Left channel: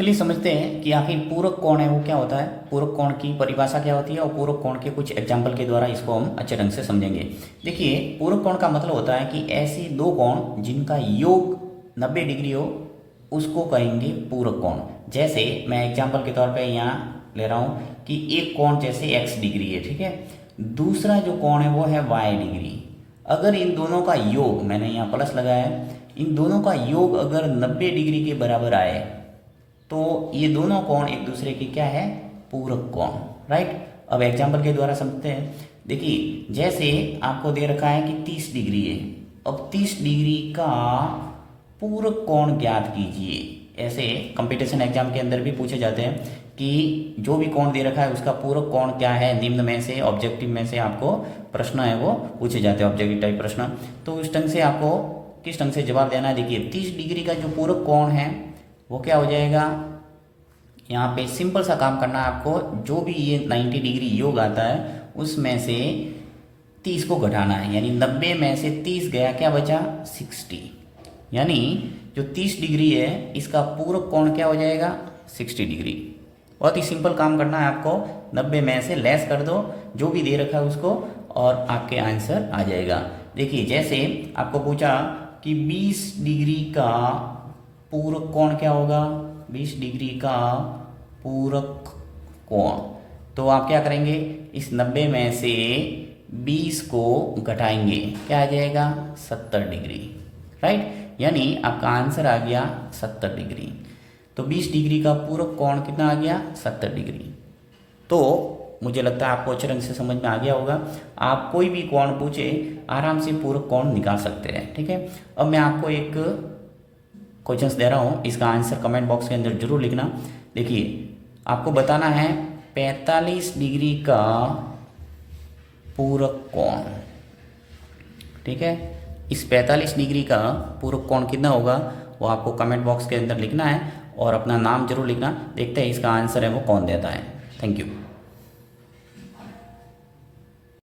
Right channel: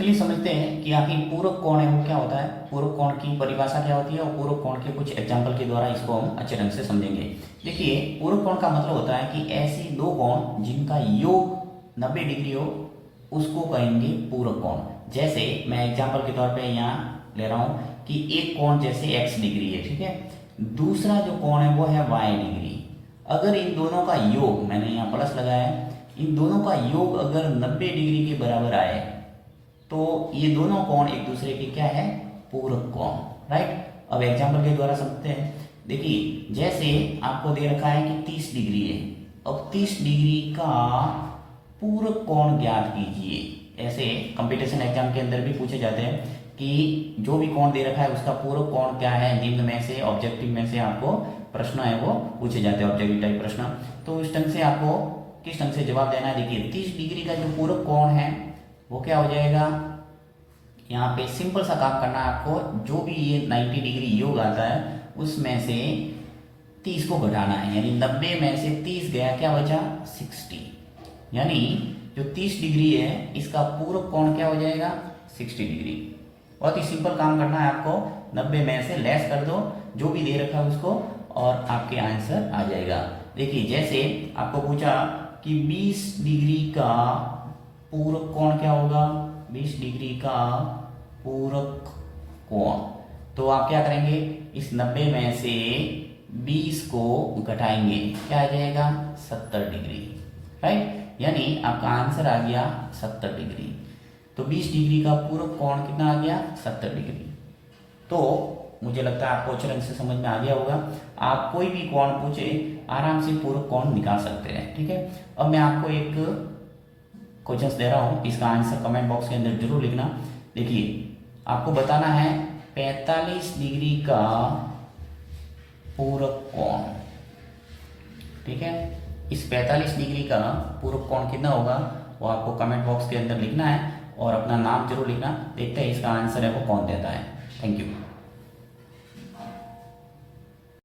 चलिए समझते हैं कि आखिर पूरक कोण है वो क्या होता है, पूरक कोण की परिभाषा क्या होती है और पूरक कोण के कुछ एग्जाम्पल के द्वारा इसको हम अच्छे ढंग से समझेंगे। देखिए, पूरक कोण का मतलब होता है कि ऐसे दो कोण जिनका योग 90 डिग्री हो उसको कहेंगे पूरक कोण। जैसे मैं एग्जाम्पल के तौर पे यहाँ ले रहा हूँ कि एक कोण जैसे x डिग्री है, ठीक है, दूसरा जो कोण है वो है y डिग्री। अगर इन दोनों का योग, मैंने यहाँ प्लस लगाया है, इन दोनों का योग अगर 90 डिग्री के बराबर आए तो ये दोनों कोण एक दूसरे की क्या है, पूरक कोण, राइट। अब एग्जाम्पल के द्वारा समझते हैं। देखिए, जैसे आपको दे रखा है कि 30 डिग्री है, अब 30 डिग्री का पूरक कोण ज्ञात कीजिए। ऐसे कंपटीशन एग्जाम के अंदर भी पूछे जाते हैं कि जो भी कोण दे रखा है उसका पूरक कोण क्या है, निम्न में से ऑब्जेक्टिव में से आपको प्रश्न है वो पूछे जाते हैं, ऑब्जेक्टिव टाइप प्रश्न। तो इस ढंग से आपको किस ढंग से जवाब देना है। देखिए, 30 डिग्री का जो पूरक कोण है वो क्या हो जाएगा, यहाँ पे सिंपल सा काम करना है आपको। जो भी ये 90 डिग्री योग आता है उसमें से 30 को घटाना है, यानी 90 में से 30 गया, क्या बचा 60। यानी जो 30 डिग्री है इसका पूरक कोण क्या हो जाएगा 60 डिग्री। बहुत ही सिंपल काम करना है आपको, 90 में से लेस कर दो जो भी दे रखा है उसको और आपके आंसर आ जाएगा। देखिए, जैसे आपको पूछा कि 20 डिग्री का पूरक कोण क्या होगा, 20 डिग्री का पूरक कोण, तो आप क्या करेंगे, इस 90 में से 20 को घटाएंगे, क्या आ जाएगा 70 डिग्री, राइट। यानी आपका आंसर आ गया 70 डिग्री। तो 20 डिग्री का पूरक कोण कितना आ गया 70 डिग्री। तो मुझे लगता है आपको अच्छे ढंग से समझ में आ गया होगा। आप कोई भी कोण पूछे आराम से पूरक कोण निकाल सकते हैं, ठीक है। अब मैं आपको एक क्वेश्चंस दे रहा हूँ, इसका आंसर कमेंट बॉक्स के अंदर जरूर लिखना। देखिए, आपको बताना है 45 डिग्री का पूरक कोण, ठीक है। इस 45 डिग्री का पूरक कोण कितना होगा वो आपको कमेंट बॉक्स के अंदर लिखना है और अपना नाम जरूर लिखना। देखते हैं इसका आंसर है वो कौन देता है। Thank you.